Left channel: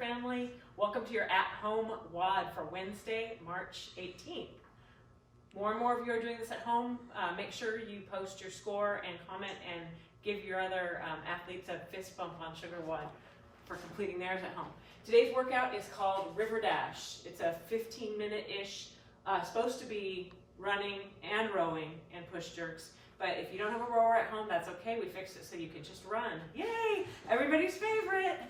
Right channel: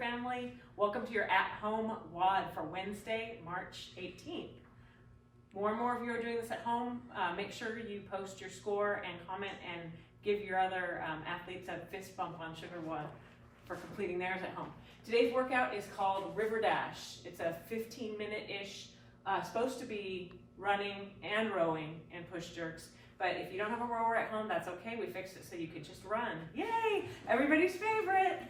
family. Welcome to your at-home WOD for Wednesday, March 18th. More and more of you are doing this at home. Make sure you post your score and comment and give your other athletes a fist bump on Sugar WOD for completing theirs at home. Today's workout is called River Dash. It's a 15-minute-ish, supposed to be running and rowing and push jerks. But if you don't have a rower at home, that's okay. We fixed it so you can just run. Yay! Everybody's favorite.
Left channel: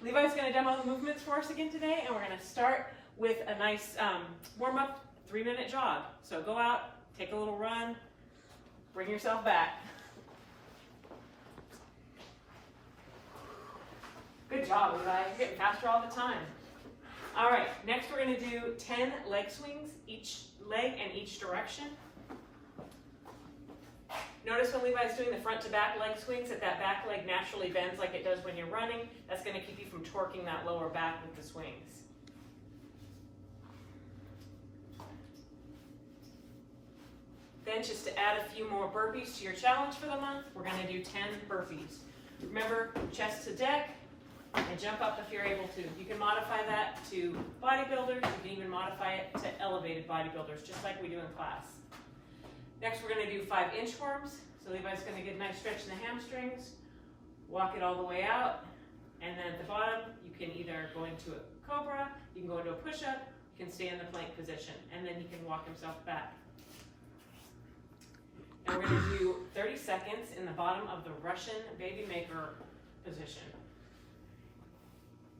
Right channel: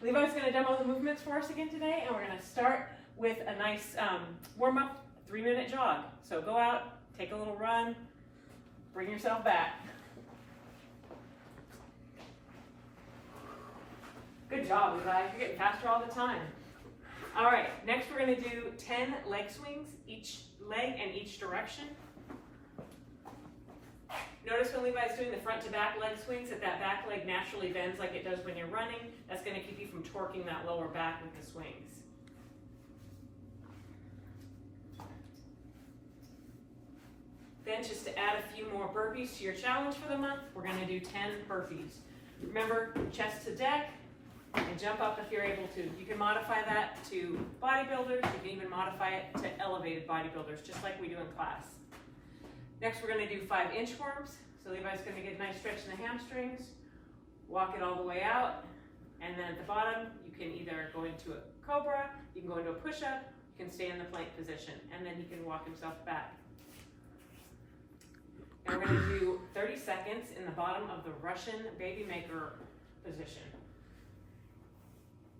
Levi's going to demo the movements for us again today, and we're going to start with a nice warm-up 3-minute jog. So go out, take a little run, bring yourself back. Good job, Levi. You're getting faster all the time. All right, next we're going to do 10 leg swings, each leg in each direction. Notice when Levi's doing the front to back leg swings that back leg naturally bends like it does when you're running. That's going to keep you from torquing that lower back with the swings. Then just to add a few more burpees to your challenge for the month, we're going to do 10 burpees. Remember, chest to deck and jump up if you're able to. You can modify that to bodybuilders. You can even modify it to elevated bodybuilders, just like we do in class. Next, we're going to do 5 inchworms. So Levi's going to get a nice stretch in the hamstrings, walk it all the way out, and then at the bottom, you can either go into a cobra, you can go into a push-up, you can stay in the plank position, and then he can walk himself back. And we're going to do 30 seconds in the bottom of the Russian baby maker position.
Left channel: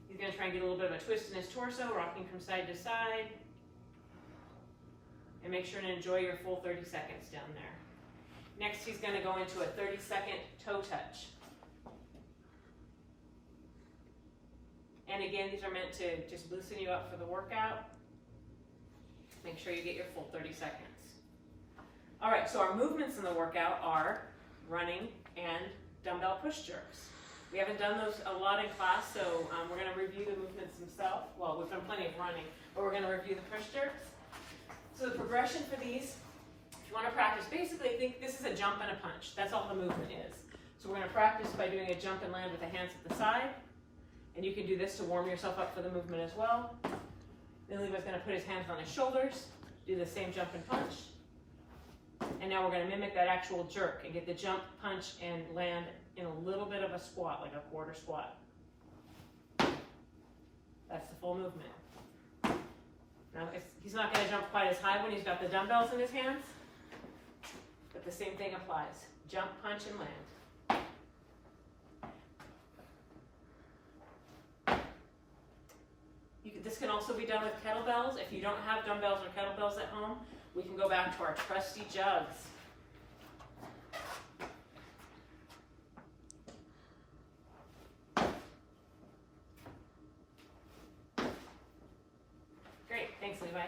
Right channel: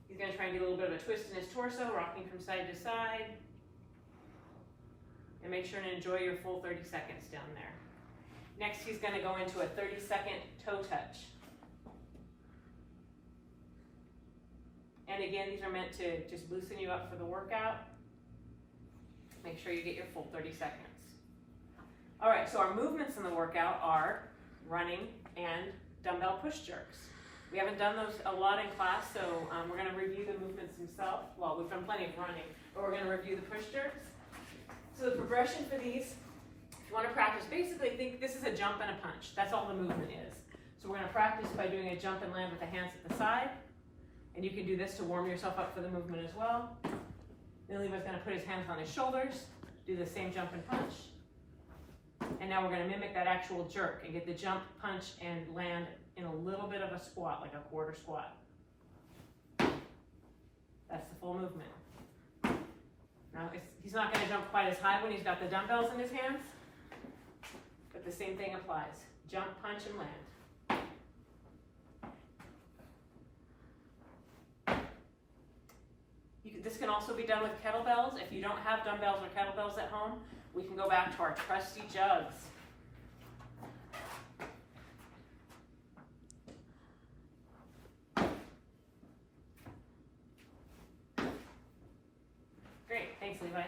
He's going to try and get a little bit of a twist in his torso, rocking from side to side. And make sure to enjoy your full 30 seconds down there. Next, he's going to go into a 30-second toe touch. And again, these are meant to just loosen you up for the workout. Make sure you get your full 30 seconds. All right, so our movements in the workout are running and dumbbell push jerks. We haven't done those a lot in class, so we're going to review the movements themselves. Well, we've done plenty of running, but we're going to review the push jerks. So the progression for these, if you want to practice, basically think this is a jump and a punch. That's all the movement is. So we're going to practice by doing a jump and land with the hands at the side. And you can do this to warm yourself up for the movement as well. Then Levi's going to put his hands on his shoulders, do the same jump and punch. And now we're going to mimic that actual jerk and get the jump, punch, and land in a little bit of a squat, like a quarter squat. That's the full movement. Now, he's not going to jump quite as high when he's got the dumbbells in his hands, but the same thing applies. Jump, punch, and land. This can also be done with kettlebells. If you don't have dumbbells or kettlebells at home, we can go back to our trusty jugs. Great, thanks Levi.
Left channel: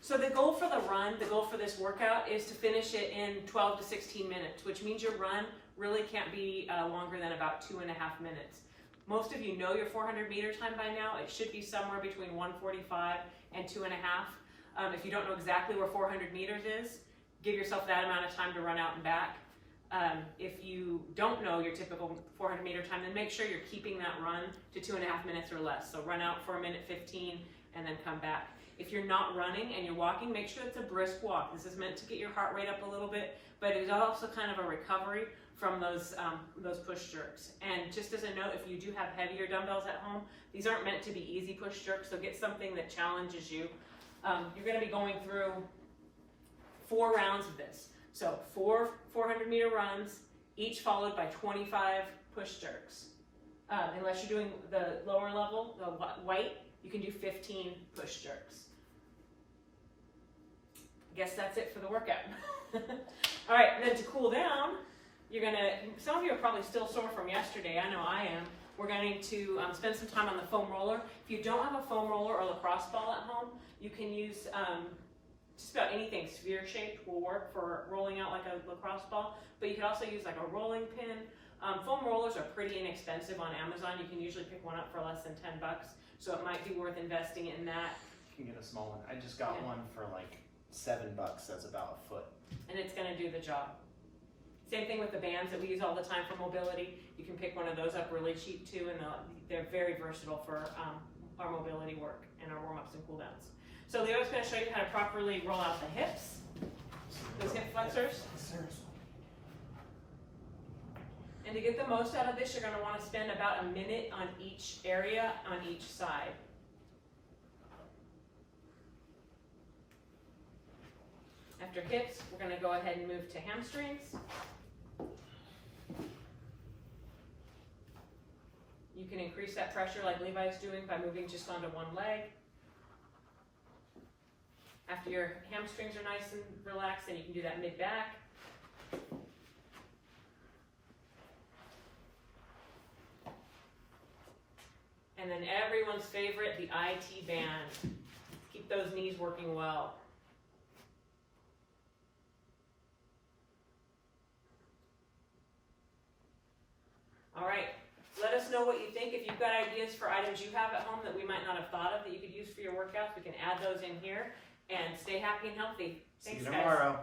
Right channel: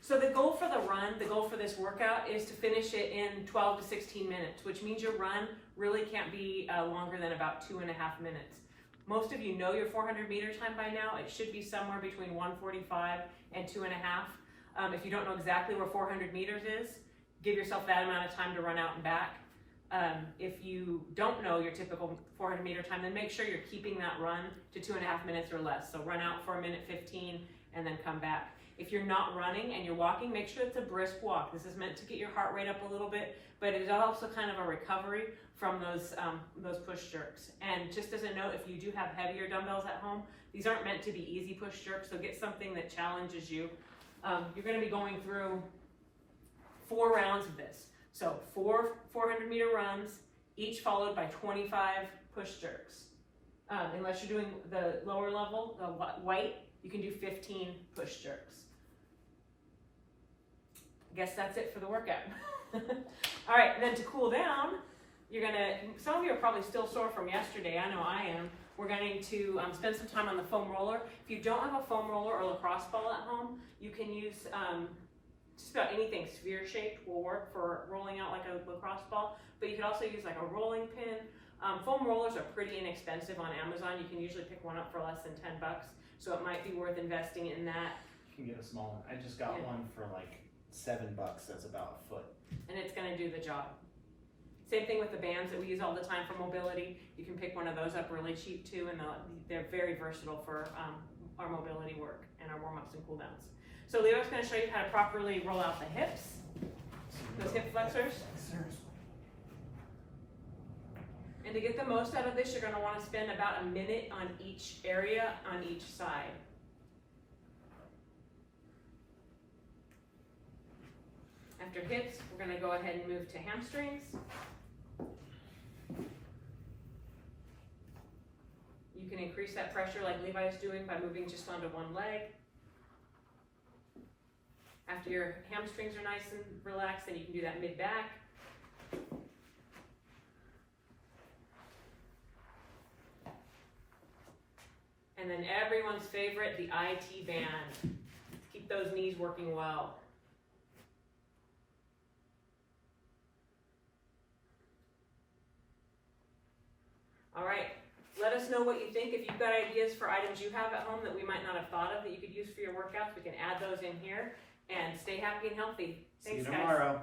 So the goal for the run, the goal for this workout is to finish it in 12 to 16 minutes, which means your run really can't be longer than about 2.5 minutes. Most of you know your 400 meter time by now. It should be somewhere between 1:45 and 2.5. If you don't know exactly where 400 meters is, give yourself that amount of time to run out and back. If you don't know your typical 400 meter time, then make sure you're keeping that run to 2.5 minutes or less. So run out for 1:15 and then come back. If you're not running and you're walking, make sure it's a brisk walk. This is meant to get your heart rate up a little bit, but it is also kind of a recovery from those push jerks. And just as a note, if you do have heavier dumbbells at home, these aren't meant to be easy push jerks, so get something that challenges you. You're going to be going through 4 rounds of this. So 4 400 meter runs, each followed by 25 push jerks. Unless you're doing the lower level, the white, you can do 15 push jerks. I guess that's it for the workout. All right, and then to cool down, some of you are probably still sore from yesterday. I know I am. We're going to spend some time on the foam roller. If you don't have a foam roller or lacrosse ball at home, you can use just about anything sphere-shaped will work for rolling out like a lacrosse ball, but you can also use like a rolling pin. Foam rollers are pretty inexpensive on Amazon. You can usually pick one up for less than $10, so it might be worth investing in that. You can get a small one. I just got one for like $7. That's about a foot. And it's going to do the job. Same thing with the bands that we use all the time for mobility. You can pick one of those up really cheap too, and they're very versatile for our mobility work and our warm-ups and cool-downs. So Leo's going to show you how to properly roll out the hips, those hip flexors. And to get the most out of this, you're going to want to spend about a minute on each area on each side. After hips, we're going to go ahead and move to hamstrings. You can increase that pressure like Levi's doing by moving just onto one leg. After your hamstrings are nice and relaxed, then you can do that mid-back. And then everyone's favorite, the IT band. Keep those knees working well. All right, let us know what you think. If you've got ideas for items you have at home that we might not have thought of that you could use for your workouts, we can add those in here. And stay happy and healthy. Thanks, See you guys. tomorrow.